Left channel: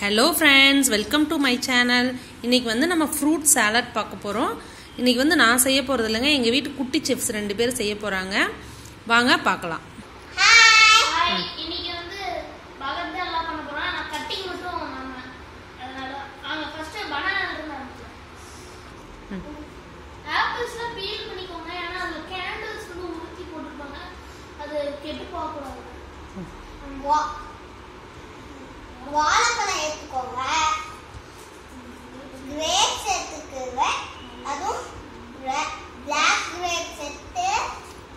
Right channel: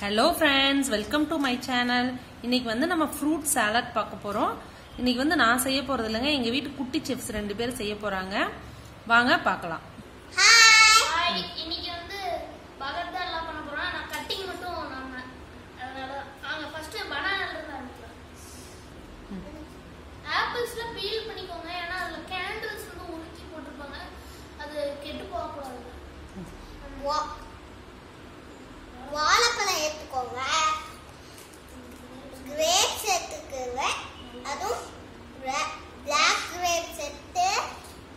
Hello friends, welcome to my channel. இன்னைக்கு வந்து நம்ம fruit salad பார்க்க போறோம். இன்னைக்கு வந்து நான் செய்ய போறது இல்லங்க, எங்க வீட்டு குட்டி செஃப்ஸ் ரெண்டு பேர் செய்ய போறாங்க. வாங்க பார்க்கலாம். ஹாய். இன்னைக்கு வந்து பகர் தான் எல்லாம் பண்ண போறோம். நான் கட்டிங் மட்டும் அதனால வாங்க ஃபர்ஸ்ட் பனானா இருந்து ஆரம்பிக்கலாம். ஆப்பிள்ஸ்ல பீல் பண்ணிக்கோங்க. ஏன்னா அதுல கேண்டில்ஸ் வந்து உருக்கி போட்டுருப்பாங்க. அது கெட்டு போக கூடாது. வாழைப்பழம் எடுத்துக்கோங்க, கிரேப்ஸ் எடுத்துக்கோங்க, அதுவும் பிளாக் கிரேப்ஸ் எடுத்து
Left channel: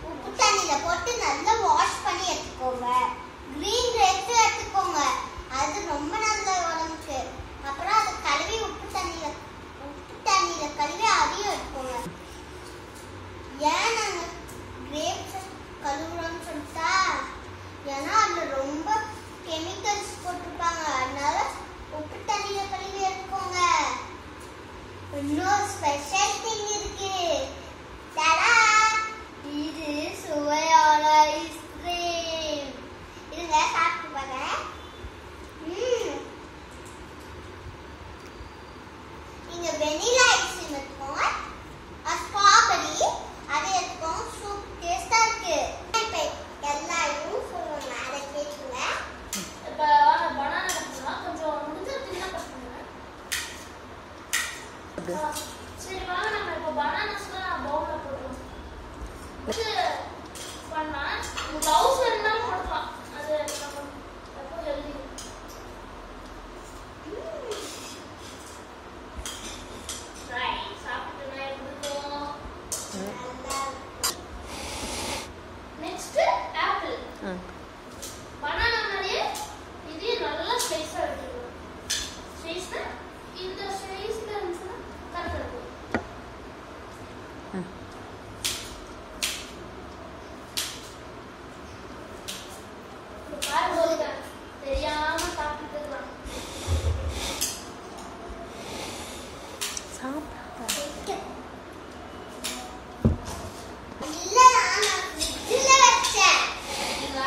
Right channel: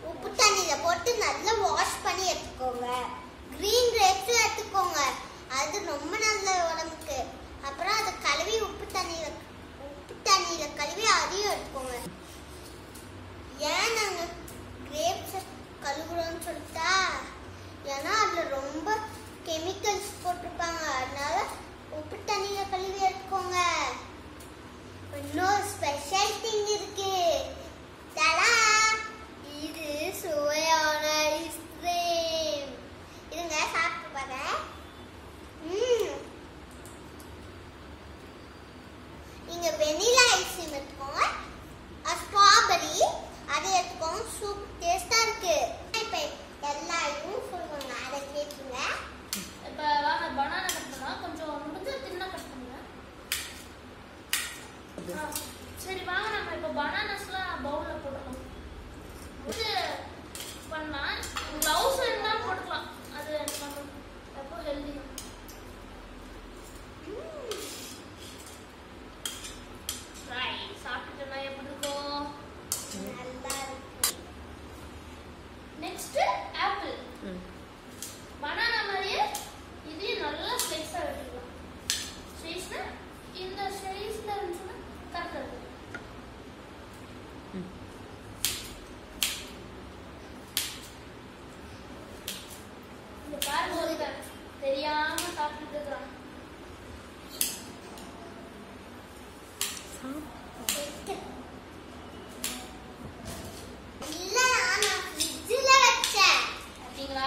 உப்பு தண்ணியில போட்டு நல்லா வாஷ் பண்ணி எடுத்துக்கோங்க. கிரீன் கிரேப்ஸ் எடுத்துக்கோங்க, அது ரொம்ப நல்ல உடம்புக்கு. அப்புறம் அது கழுவி உப்பு தண்ணியில கழுவி அதையும் எடுத்துக்கோங்க. ஏன் நாங்க கிரேப்ஸ் கழுவுறோம்னு சொல்லிட்டா, ஏன்னா அதுல ரொம்ப கெமிக்கல்ஸ் போட்டிருப்பாங்க, அதனால உப்பு தண்ணியில கழுவி எடுத்துக்கோங்க. இன்னொரு ஸ்பெஷல் திங் இருக்கு. தடா, இது சுவையான ஐஸ்கிரீம். இருங்க சாப்பிட்டு பாருங்க. நீங்க வெனிலா ஐஸ்கிரீம் எடுத்துக்கோங்க, ஸ்ட்ராபெரி அதை எடுத்துக்கோங்க. சூப்பர் டேஸ்டா இருக்கு. எல்லாரும் சொல்லுவாங்க, அதை கேட்குங்க. இப்போ வாங்க பனானா கட் பண்ணலாம். கொஞ்சம் முடிஞ்ச தின்னா கட் பண்ணுங்க. சரி வாங்க நம்ம இப்போ பனானாஸ்லாம் நான் பவுல்ல போடுறோம். இது பண்ணா கிளவுஸ் வேணாலும் போடலாம். அது நம்ம ரொம்ப ஹெல்தி. ட்ரை சாப்பிட்டுனா எப்படி இருக்கும்? Next apple. பனானா மாதிரியே இது நல்லா ஸ்லைஸா எடுத்துக்கணும். ஸ்லைஸ்னா இந்த ஸ்லைஸ்ல இருந்துச்சுன்னா கரெக்டா இருக்கும். இந்த பாருங்க, தெரியாம சாப்பிட்டு இருக்கான். இல்ல, நான் ஃப்ரிட்ஜ்ல வச்சேன். நீங்க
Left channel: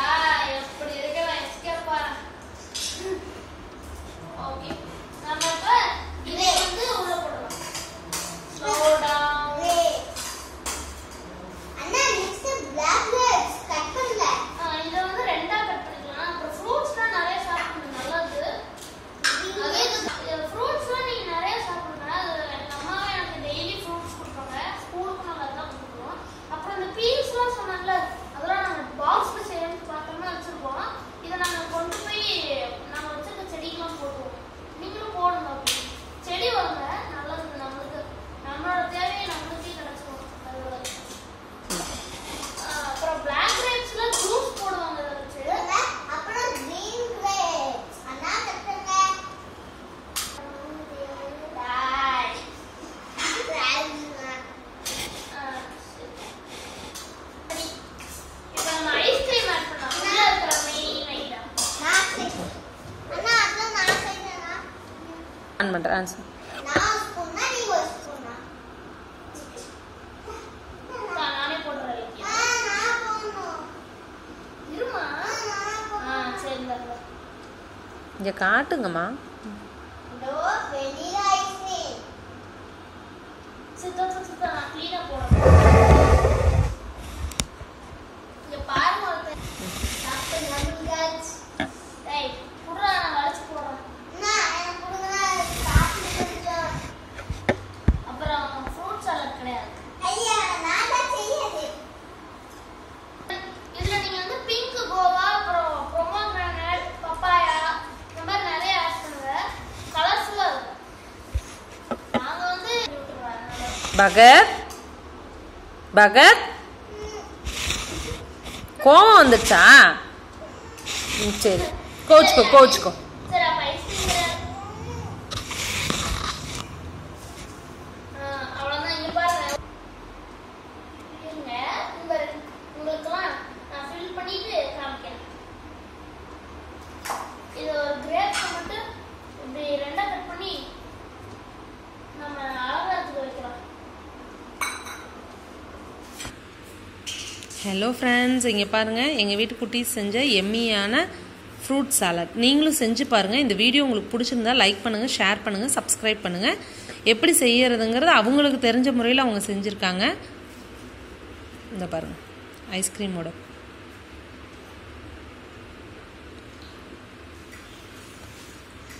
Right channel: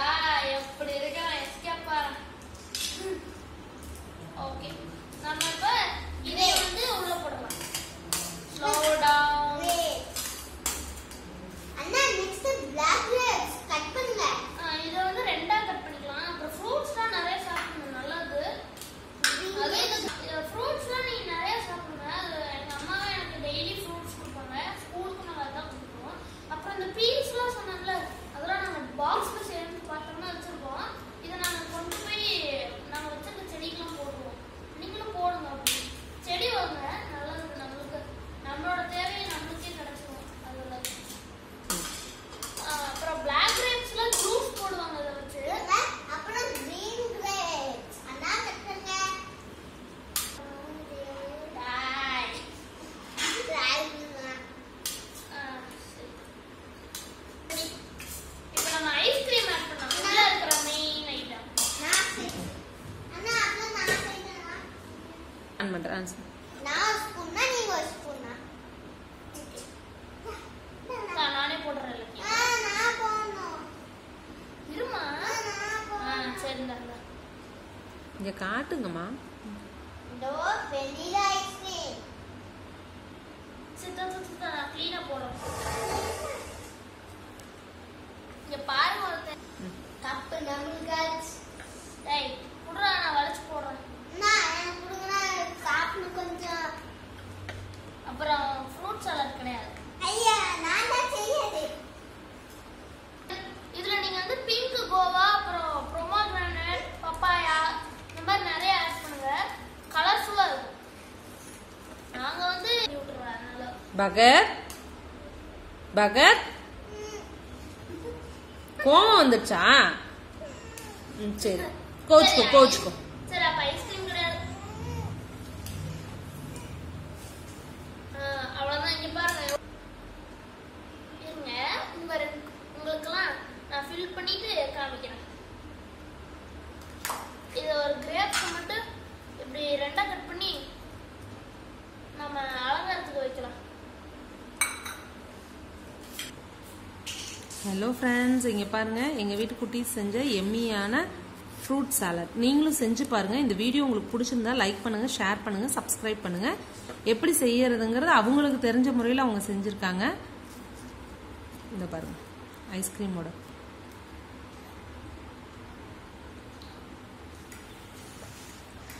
எப்படி இருக்கு நான் எஸ்கேப் ஆறேன். ஓகே நம்ம இப்ப இதை வந்து உள்ள போடலாம். Slow down. அண்ணா, நெக்ஸ்ட் பிளாக் கிரேப்ஸ் கட் பண்ணுங்க. இதை வந்து ரெண்டா கட் பண்ணிக்கலாம். அப்புறம் ஃப்ரூட்ஸ்லாம் நிறைய சாப்பிடணும், நல்லது. ஃப்ரூட்ஸ்லாம் நீங்க நிறைய சாப்பிடுங்க. அது எங்க அம்மாவே எனக்கு டெய்லி ஃப்ரூட்ஸ் கொடுப்பாங்க. ஸ்கூலுக்கு நாங்கள் அதான் கொடுக்குறோம். அப்புறம் இந்த பீல்ஸ்லாம் சொன்னாங்கல்ல, அதெல்லாம் நாங்கள் பாக்ஸ்ல சேர்ந்து பார்த்தோம்னா வச்சிருப்போம். இதை நாங்கள் கொண்டு போய் நாங்கள் வச்சிருக்க செடிக்கெல்லாம் போடுவோம். நீங்களும் போடுங்க. அப்படி செடி வாங்க, நல்லது. நம்மளுக்கு நம்மளோட தேவையை நம்மளுக்கே கிடைச்சிடும் அதோட. அப்புறம் பிளாக் கிரேப்ஸ்ல ஜூஸ் போடுவாங்க இதை வச்சு. அப்புறம் கிரீன் கிரேப்ஸ் அண்ணா கட் பண்ணுங்க. பாய். இப்போ நம்ம ஐஸ்கிரீம் ஆட் பண்ணலாம். உள்ள இருக்கிற மெயின் ஐட்டம். அண்ணா, அதெல்லாம் நான் செய்யறேனா? ஆன் பண்றேன். நான் ஸ்பூன்னா நீங்க ஒரு ஸ்பூனா? நானே போடுறேன். நான் போடணும். இருமா. சரி இந்தாங்க. இங்க காட்டுங்கம்மா. இதோ வெனிலா ஐஸ்கிரீம். சித்தா நான் க்ளீனா போடுறேன். இங்க பாருங்க ஒருத்தன் சாப்பிட்டு நம்புகாச். டேய் புடுறா, நான் வளைச்சு போடுறேன். அண்ணா, எனக்கு கொடுங்கண்ணா, சாப்பிட்டு கொஞ்சம். அப்புறம் ஃப்ரூட் சாலட் கிடையாது. ஐயா, நான் தான் செய்யறது. இதுல நீங்க வந்து பிங்க் கோவா, அப்புறம் பொமோகிரானேட், பப்பாயா இந்த மாதிரி நிறைய ஆட் பண்ணுங்க. கலர்ஃபுல்லா இருக்கும். நாங்க வந்து விட்டுறோம். அதனால பகர் கோவம் வந்துச்சா? சரி, கோச்சுக்கோ. சரி அப்ப ஐஸ்கிரீம் கிடையாது. அவ்வளவுதான். இங்க பாருங்க. இருங்க, உங்களுக்கெல்லாம் நான் ஃபில் பண்ணிட்டு காமிக்கிறேன். இது ஒரு கிரேப்ஸ் மட்டும் இப்படி ரெண்டா கட் பண்ணி நம்ம அலங்காரத்துக்கு வைக்கலாம். ஹலோ ஃப்ரெண்ட்ஸ், இங்கே பாருங்கள், எங்கள் வீட்டு குட்டீஸ் செஞ்ச எம்மியான ஃப்ரூட் சாலட். நீங்களும் செஞ்சு பாருங்கள். இந்த வீடியோ உங்களுக்கு பிடிச்சிருந்தா லைக் பண்ணுங்கள், ஷேர் பண்ணுங்கள், சப்ஸ்கிரைப் பண்ணுங்கள். எப்படி செய்யறதுங்கிறது அவங்களுக்கு தெரிஞ்ச முறையில் அவங்க செஞ்சுருக்காங்க. இந்த பாருங்கள் ஐஸ்கிரீமோட.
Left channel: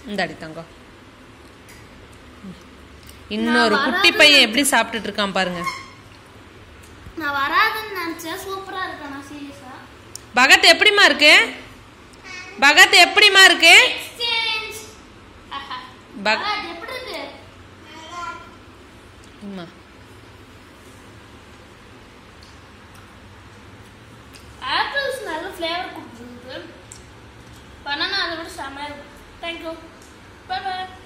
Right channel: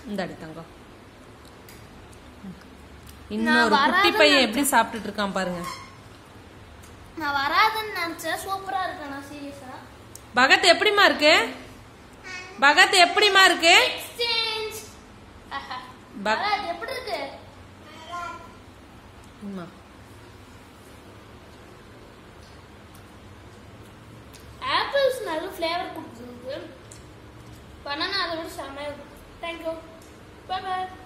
இந்த அடி தங்கம். இன்னொரு குட்டி பையன் எப்படி சாப்பிட்டுட்டு இருக்கான் பாருங்க. நான் வராதுன்னு நினைச்சேன். சூப்பரா இருக்கு. நான் சீரியஸா பகத் எப்படிமா இருக்கு? பகத் எப்படிமா இருக்கு? எக்ஸ்சேஞ்ச் எப்படி இருக்கு? அம்மா ஆப்பிள்ஸ் நல்ல ஃப்ளேவர் கொடுத்துருக்கு. பனானா அதை விட செமையா இருக்கு. தேங்க்யூ. Bye by.